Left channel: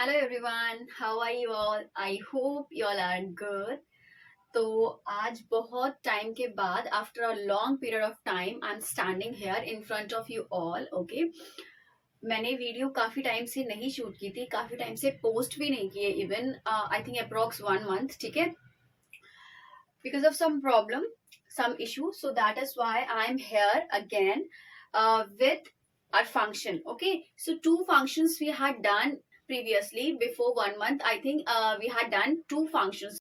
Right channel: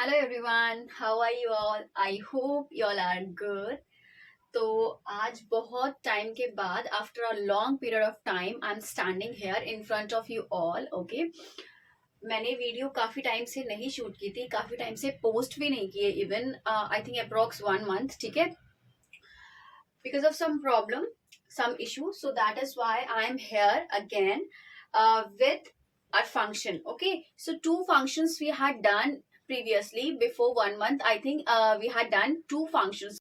Hello everyone, how are you all? I hope you all are good. तो आज बहुत time के बाद, after a long period of time, I am standing here in front of you all. Okay, मैंने video काफी time से नहीं shoot की थी, काफी टाइम से पोस्ट भी नहीं किए, even I think approx 1 month. ठीक है, because of some problem, some issue, so that is why I am here again with our function. Okay, so two functions we had done previously. Before 1 month, I think we had done two functions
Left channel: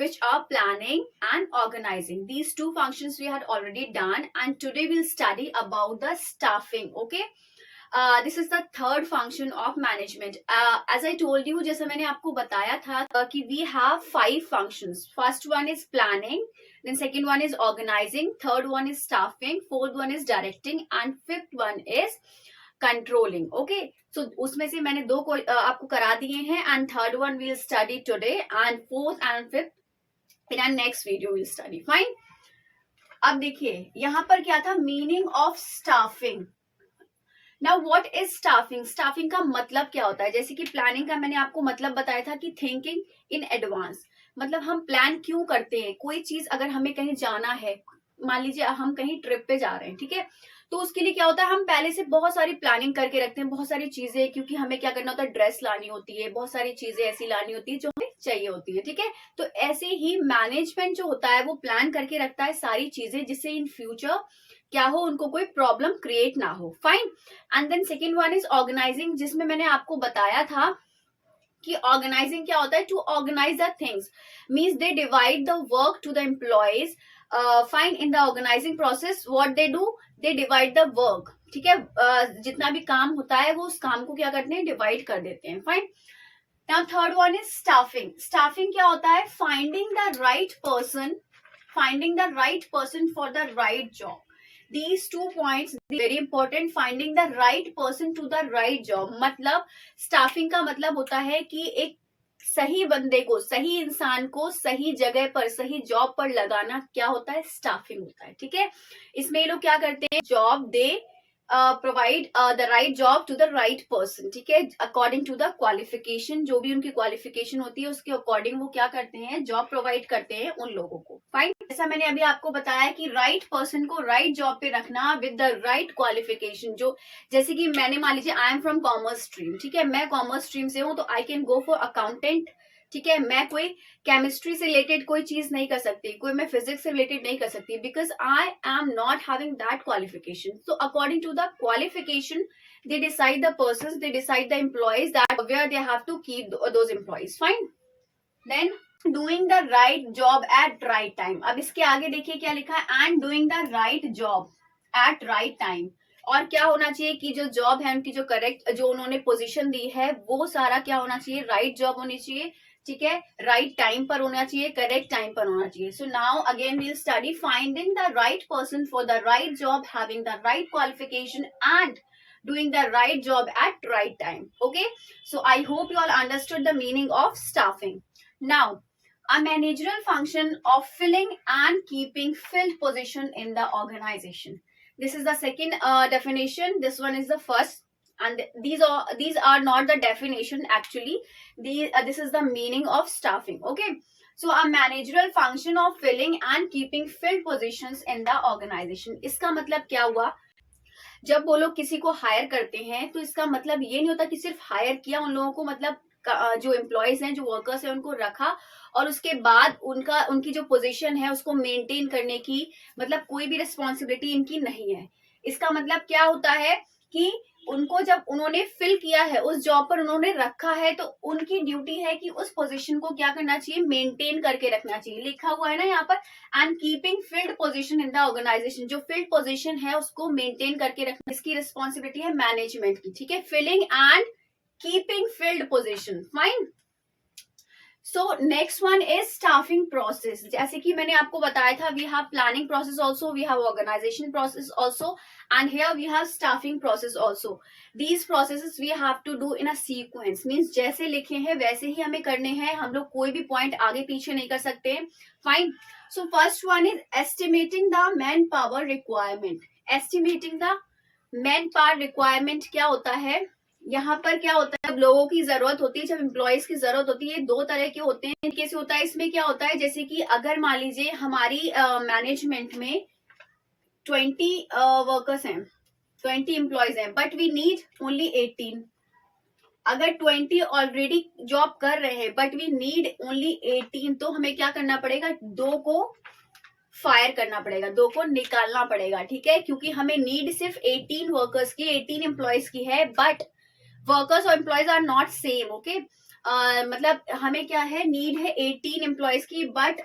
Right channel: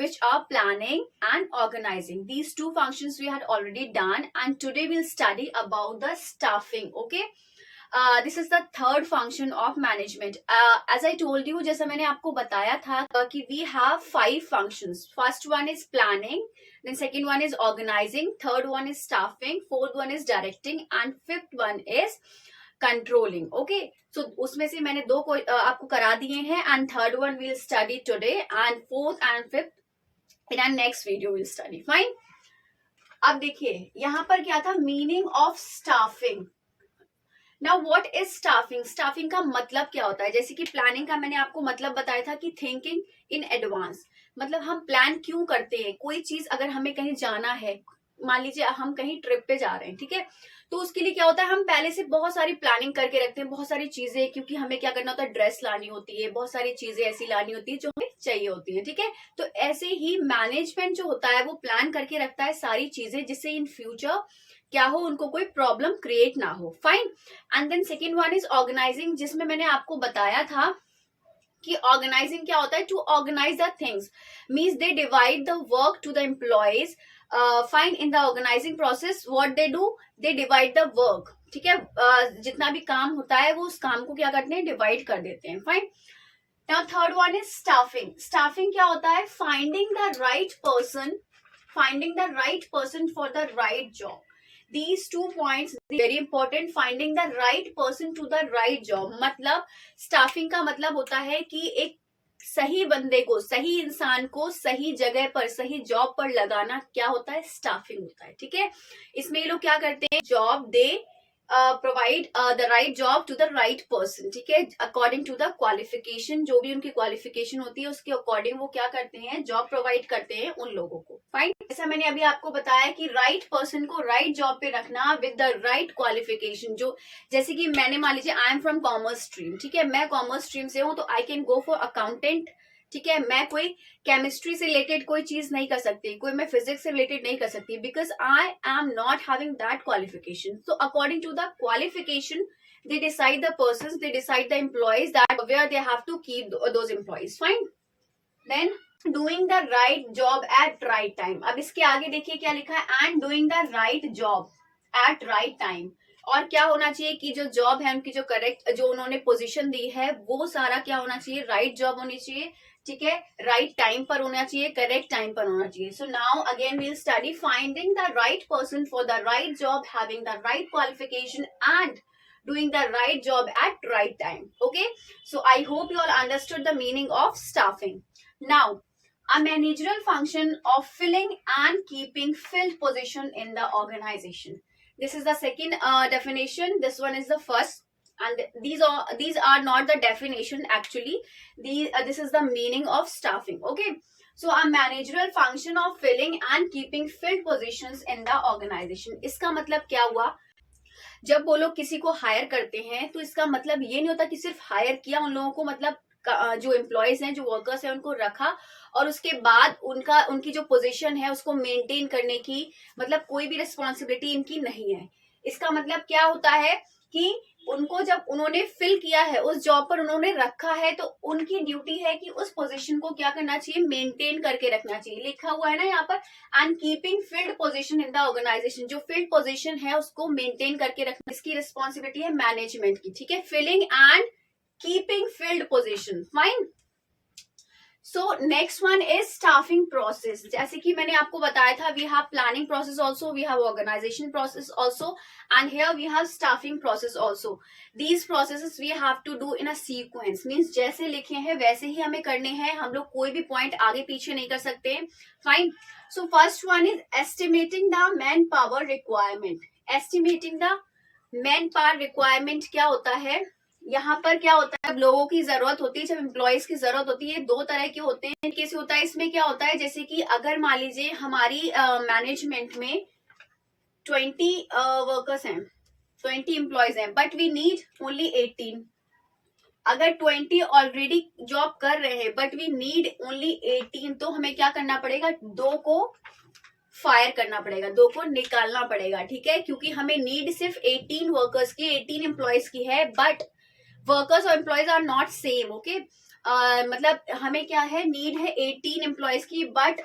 which are planning and organizing. These two functions we had already done, and today we'll study about the staffing. Okay, this is the third function of management. As I told you, जैसा मैंने आपको बताया था कि we have 5 functions. First one is planning, then second one is organizing, third one is staffing, fourth one is directing, and fifth one is controlling. Okay, so उसमें से मैंने दो को आपको करा दिए हैं, and third one we'll study today, and fourth and fifth in our next video we'll study. Fine. अब देखिए यहाँ पर क्या था, meaning of staffing. Now what is staffing? Staffing का मतलब क्या होता है? जैसे कि प्लानिंग का मैंने आपको मतलब बताया था कि थिंकिंग इन एडवांस. मतलब हम प्लान क्यों करते हैं? कोई चीज अगर हमें कहीं जाना है, मान लीजिए हम कहीं ट्रिप पे जा रहे हैं, ठीक है, तो उसके लिए क्या होता है, हम पहले से बहुत सारी प्लानिंग करके रखते हैं, बहुत सारी चीजें, क्योंकि हमें क्या करना होता है, ड्रेस लानी होती है, बहुत सारी चीजें ऐसी लानी होती है जो हमें चाहिए होती है. ठीक है, तो ऐसे ही मैनेजमेंट जो होता है वो प्लान करके रखता है सारी चीजें, जिससे इन फ्यूचर क्या हो, उनको कोई प्रॉब्लम क्रिएट ना हो. Fine. And then second one is organizing, जिसमें मैंने आपको बताया था कि ऑर्गेनाइजिंग क्या होता है, to organize the things, means they divide the work to the employees. Fine. In the organizing process what they do, they divide the work. ठीक है, जितना भी काम होता है वो उस काम को क्या करते हैं, डिवाइड कर देते हैं. Fine. Now third one is staffing. Staffing क्या होता है, finding the right person, finding the right person for the right job. These 2 points very important. Finding the right person to the right job, मतलब staffing का मतलब होता है कि एक सही बंदे को, सही इंसान को सही जगह पर, सही जॉब पर लगाना क्या होता है, स्टाफिंग होता है. ठीक है, इसमें ये लोग क्या करते हैं, job they provide the right job to the right person. ठीक है, अकॉर्डिंग टू द क्वालिफिकेशन, जो भी उनकी क्वालिफिकेशन होती है उसके अकॉर्डिंग वो क्या करते हैं, जॉब प्रोवाइड करते हैं उन लोगों को. फाइन. जैसा मैंने अभी आपको बताया कि राइट पर्सन को राइट जॉब पे रखना विद द राइट क्वालिफिकेशन. जो जैसे कि मैंने मान लीजिए I am from commerce stream. ठीक है, मैं कॉमर्स स्ट्रीम से हूँ, तो I can go for accountant. ठीक है, मैं कोई केमिस्ट्री से रिलेटेड कोई चीज नहीं कर सकती, कोई मैं फिजिक्स से रिलेटेड नहीं कर सकती, because I am not having that qualification. So according to the qualification they decide the persons, they decide the employees, that where they have to keep those employees. Fine. Then doing the right job at right time. अब इसके आगे देखिए क्या लिखा है, and doing the right job at right time. और क्या होना चाहिए कि जो जॉब है उनकी, जो करेक्ट, जो उन्होंने पोजीशन दी है, वो सारा क्या होना चाहिए, राइट जॉब होनी चाहिए. ठीक है, राइट टाइम पर होना चाहिए, करेक्ट टाइम पर होना चाहिए. So now again we'll study finding the right person for the right job, having the right qualification, and doing the right job at right time. Okay, so I hope you all understood the meaning of staffing. Now, a managerial function of filling and keeping filled position in the organization. This is the second definition. This one is the first, and these are not the definition actually. This is the meaning of staffing. Okay, so a managerial function of filling and keeping filled positions in the organization. इसका मतलब क्या हुआ, जब वो लोग किसी को higher करते हैं तो इसका मतलब ये नहीं होता कि सिर्फ हायर किया उन लोगों को, मतलब जो एम्प्लॉयज हैं, जो वर्कर्स हैं, उनको रखा और उसके बाद उनकी जो पोजीशन है उसको मेंटेन करने की मतलब कोई भी रिस्पॉन्सिबिलिटी इनकी नहीं है. इसका मतलब क्या होता है कि उनको जब उन्होंने फिल किया है, उस जॉब पर उन्होंने रखा है, तो उनकी ड्यूटी है कि उस पोजीशन को क्या करना चाहिए, मेंटेन करके रखना चाहिए. लिखा हुआ है ना यहाँ पर, and keeping filled position in the organization. जो फिल्ड पोजीशन है उसको मेंटेन करके रखना, इसकी रिस्पॉन्सिबिलिटी है मैनेजमेंट की. ठीक है, filling and keeping filled position. Fine. So next one is staffing process. जैसे कि मैंने आपको बताया था, we have planning process also, we have organization process also, and here we have staffing process also. These processes we have to do in a sequence, means जैसे लिखे हैं वैसे ही हमें करने हैं, हम लोग कोई भी पॉइंट आगे पीछे नहीं कर सकते. Fine. So first one is estimating the man power requirement. Estimating the man power requirement क्या होता है, यहाँ पर क्या होता है, जब लोगों की जरूरत होती है, जब एम्प्लॉयज की जरूरत होती है, दो तरह के होते हैं। कैसे होता है, इसमें क्या होता है, जैसे कि अगर मान लीजिए हमारी मैनेजमेंट में 20 वर्कर्स हैं, 20 एम्प्लॉयज हैं, बट वी नीड ओनली 18। अगर 20 ऑलरेडी जॉब कर रहे हैं बट वी नीड ओनली 18, तो हमें क्या करना पड़ेगा, दो को फायर करना पड़ेगा, दो को निकालना पड़ेगा, ठीक है। क्योंकि हमें नीड सिर्फ 18 वर्कर्स की, 18 एम्प्लॉयज की है, बट वर्कर्स और employees are not same, okay. मतलब हमें क्या है, नीड है 18 एम्प्लॉयज की, but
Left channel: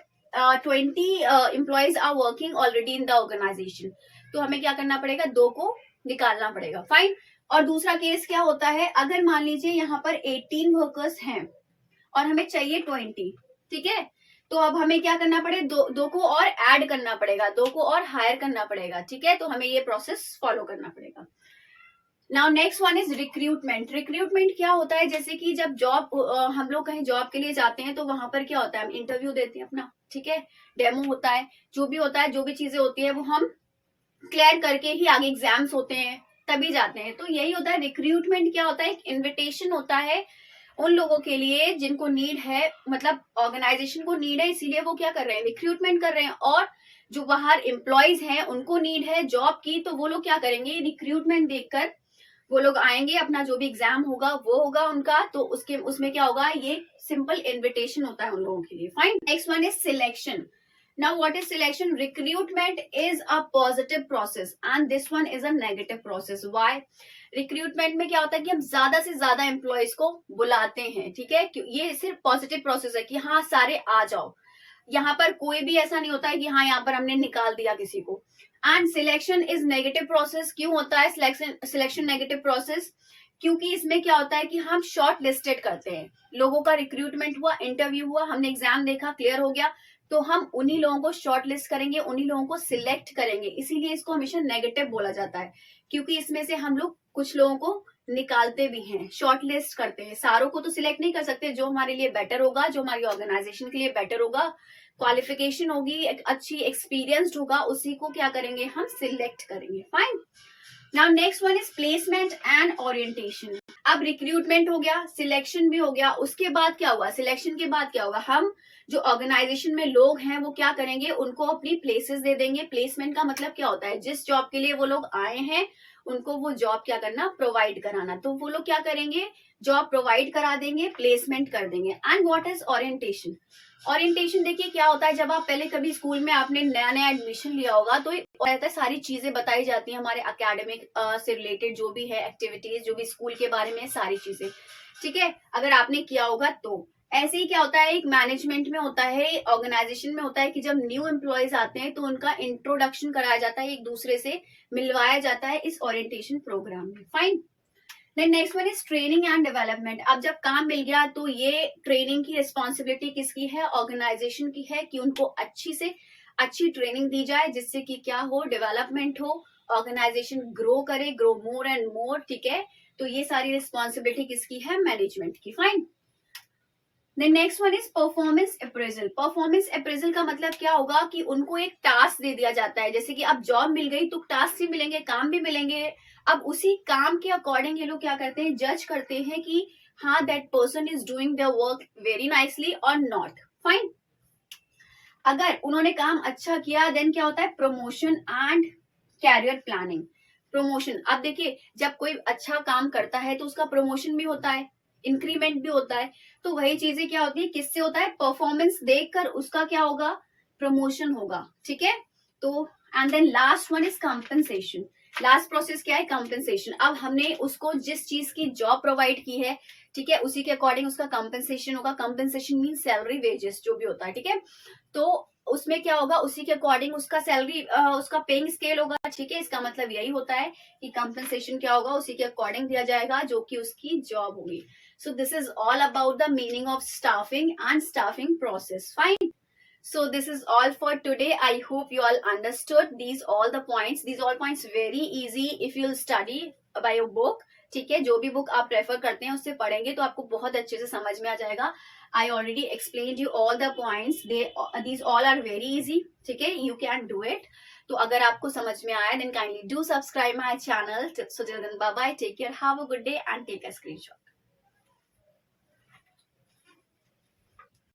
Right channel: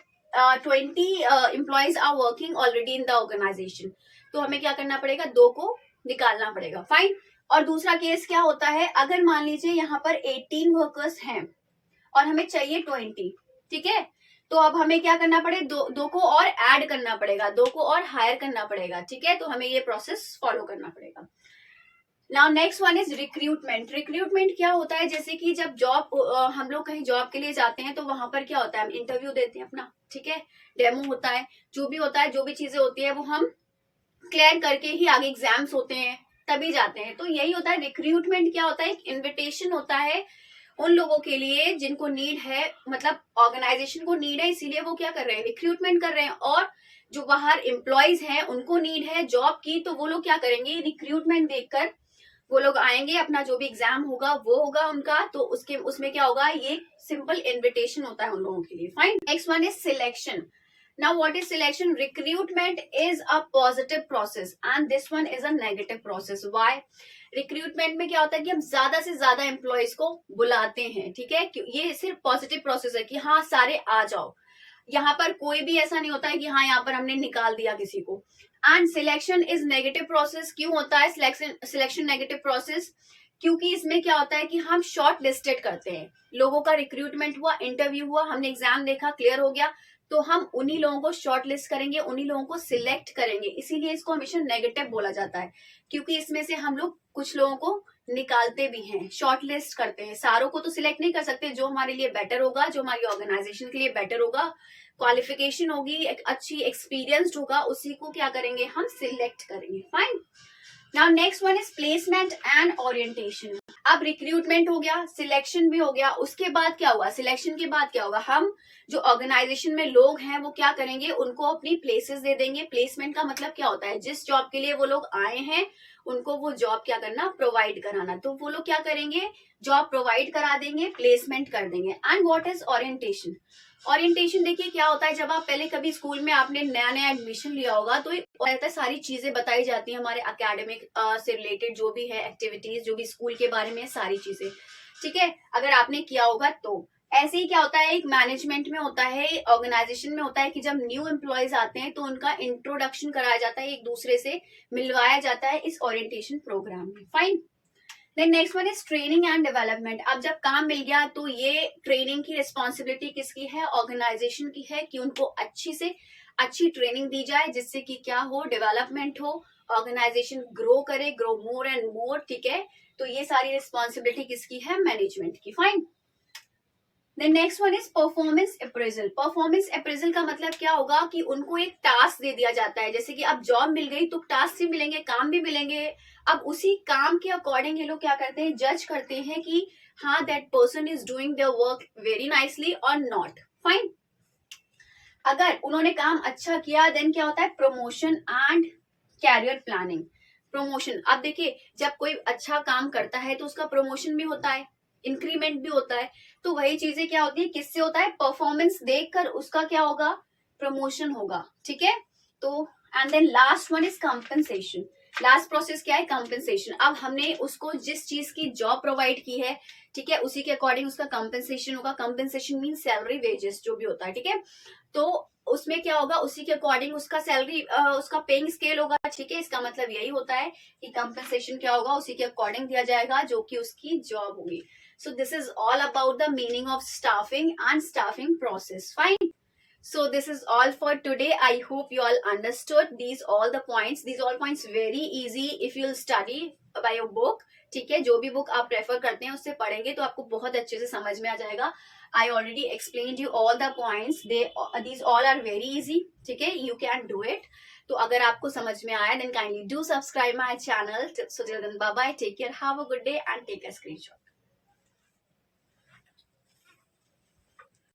20 employees are working already in the organization. तो हमें क्या करना पड़ेगा, दो को निकालना पड़ेगा, फाइन। और दूसरा केस क्या होता है, अगर मान लीजिए यहाँ पर 18 वर्कर्स हैं और हमें चाहिए 20, ठीक है। तो अब हमें क्या करना पड़ेगा, दो को और ऐड करना पड़ेगा, दो को और हायर करना पड़ेगा, ठीक है। तो हमें ये प्रोसेस फॉलो करना पड़ेगा। Now next one is recruitment. Recruitment क्या होता है, जैसे कि जब जॉब हम लोग कहीं जॉब के लिए जाते हैं, तो वहां पर क्या होता है, हम इंटरव्यू देते हैं अपना, ठीक है, डेमो होता है, जो भी होता है, जो भी चीजें होती है वो हम क्लियर करके ही आगे एग्जाम्स होते हैं, तभी जाते हैं। तो यही होता है रिक्रूटमेंट। क्या होता है, एक इन्विटेशन होता है उन लोगों के लिए जिनको नीड है, मतलब ऑर्गेनाइजेशन को नीड है, इसीलिए वो क्या कर रहे हैं, रिक्रूटमेंट कर रहे हैं। और जो बाहर एम्प्लॉयज हैं उनको नीड है जॉब की, तो वो लोग क्या करेंगे, रिक्रूटमेंट देखकर वो लोग आएंगे, अपना जो भी एग्जाम होगा वो होगा उनका, तो उसके उसमें क्या होगा, ये सिंपल इन्विटेशन होता है उन लोगों के लिए, fine. Next one is selection. Now what is selection? Recruitment is a positive process and this one is a negative process. Why? Recruitment में क्या होता है कि हम ज्यादा से ज्यादा एम्प्लॉयज को बुलाते हैं, ठीक है। ये सिर्फ पॉजिटिव प्रोसेस है कि हाँ सारे आ जाओ, यहाँ पर कोई भी ऐसा नहीं होता है कि हाँ यहाँ पर हमने निकाल दिया किसी को। And selection is negative process. क्यों होता है सिलेक्शन नेगेटिव प्रोसेस? क्योंकि इसमें क्या होता है कि हम शॉर्ट लिस्टेड करते हैं, लोगों का रिक्रूटमेंट हुआ, इंटरव्यू हुआ, हमने एग्जाम देखा, क्लियर हो गया, तो हम उन्हीं लोगों को शॉर्ट लिस्ट करेंगे, उन्हीं लोगों को सिलेक्ट करेंगे। इसीलिए इसको हमेशा नेगेटिव बोला जाता है, क्योंकि इसमें से हम लोग कुछ लोगों को निकालते भी हैं, शॉर्ट लिस्ट करते हैं। सारों को तो सिलेक्ट नहीं कर सकते, जो हमारे लिए बेटर होगा, जो हमारी ऑर्गेनाइजेशन के लिए बेटर होगा, क्वालिफिकेशन होगी, एक अच्छी एक्सपीरियंस्ड होगा, उसी को क्या करेंगे, हम सिलेक्ट करेंगे, fine. Now next one is placement and orientation. अब रिक्रूटमेंट हो गया, सिलेक्शन भी हो गया, उसके बाद क्या होगा, सिलेक्शन के बाद क्या होगा, हम जो ऑर्गेनाइजेशन में लोग हैं वो क्या करेंगे, उनको अपनी प्लेसेस दे देंगे। प्लेसमेंट का मतलब क्या होता है, जिस जॉब के लिए वो लोग आए हैं उनको वो जॉब क्या करना, प्रोवाइड कराना। तो वो लोग क्या करेंगे, जॉब प्रोवाइड करा देंगे, प्लेसमेंट कर देंगे। And what is orientation? Orientation देखिए क्या होता है, जब आप पहले कभी स्कूल में आपने नया नया एडमिशन लिया होगा, तो रहता है, सारी चीजें बताई जाती हैं हमारे एकेडमिक से रिलेटेड, जो भी है एक्टिविटीज, जो भी स्कूल के बारे में सारी चीजें, ठीक है, अगर आपने किया होगा तो। ऐसे ही क्या होता है, एक मैनेजमेंट में होता है, ऑर्गेनाइजेशन में होता है कि जब न्यू एम्प्लॉयज आते हैं तो उनका इंट्रोडक्शन कराया जाता है, एक दूसरे से मिलवाया जाता है इस ओरिएंटेशन प्रोग्राम में, fine. Then next one is training and development. अब जब काम मिल गया तो ये ट्रेनिंग की रिस्पॉन्सिबिलिटी किसकी है, ऑर्गेनाइजेशन की है, कि उनको अच्छी से अच्छी ट्रेनिंग दी जाए, जिससे कि क्या हो, डेवलपमेंट हो, ऑर्गेनाइजेशन ग्रो करे, ग्रो मोर एंड मोर, ठीक है। तो ये सारी रिस्पॉन्सिबिलिटी किसकी है, मैनेजमेंट की, fine. Then next one is performance appraisal. Performance appraisal का मतलब क्या होगा कि उनको एक टास्क दे दिया जाता है, जैसे कि अब जॉब मिल गई तो टास्क भी मिलेंगे, काम भी मिलेंगे। अब उसी काम के अकॉर्डिंग ये लोग क्या करते हैं, जज करते हैं कि हाँ that person is doing their work very nicely और नॉट, फाइन। अगर उन्होंने काम अच्छा किया देन क्या होता है, promotion and career planning. Promotion, अब देखिए जब कोई अच्छा काम करता है तो उसका प्रमोशन भी होता है, इंक्रीमेंट भी होता है। तो वही चीजें क्या होती है, किससे होता है, परफॉर्मेंस देखकर उसका क्या होगा, प्रमोशन होगा, ठीक है। तो and then last one is compensation. Last process क्या है, कंपनसेशन। अब हमने उसको जिस चीज की जॉब प्रोवाइड की है, ठीक है, उसी के अकॉर्डिंग उसका कंपनसेशन होगा। कंपनसेशन मीन सैलरी, वेजेस, जो भी होता है, ठीक है। तो उसमें क्या होगा, उसी के अकॉर्डिंग उसका सैलरी, उसका पेइंग स्केल होगा, ठीक है। इसका मतलब यही होता है कि कंपनसेशन क्या होगा, उसी के अकॉर्डिंग दिया जाएगा जो कि उसकी जॉब होगी। So this is all about the meaning of staffing and staffing process. Fine. So this is all for today. I hope you all understood these all the points. These all points very easy if you'll study by a book. ठीक है, जो भी book आप prefer करते हैं उससे पढ़ेंगे तो आपको बहुत अच्छे से समझ में आ जाएगा। I already explained you all the points. These all are very easy. ठीक है, you can do it. तो अगर आपको समझ में आया then kindly do subscribe my channel. So till then bye bye, take care, have a good day and take a screenshot.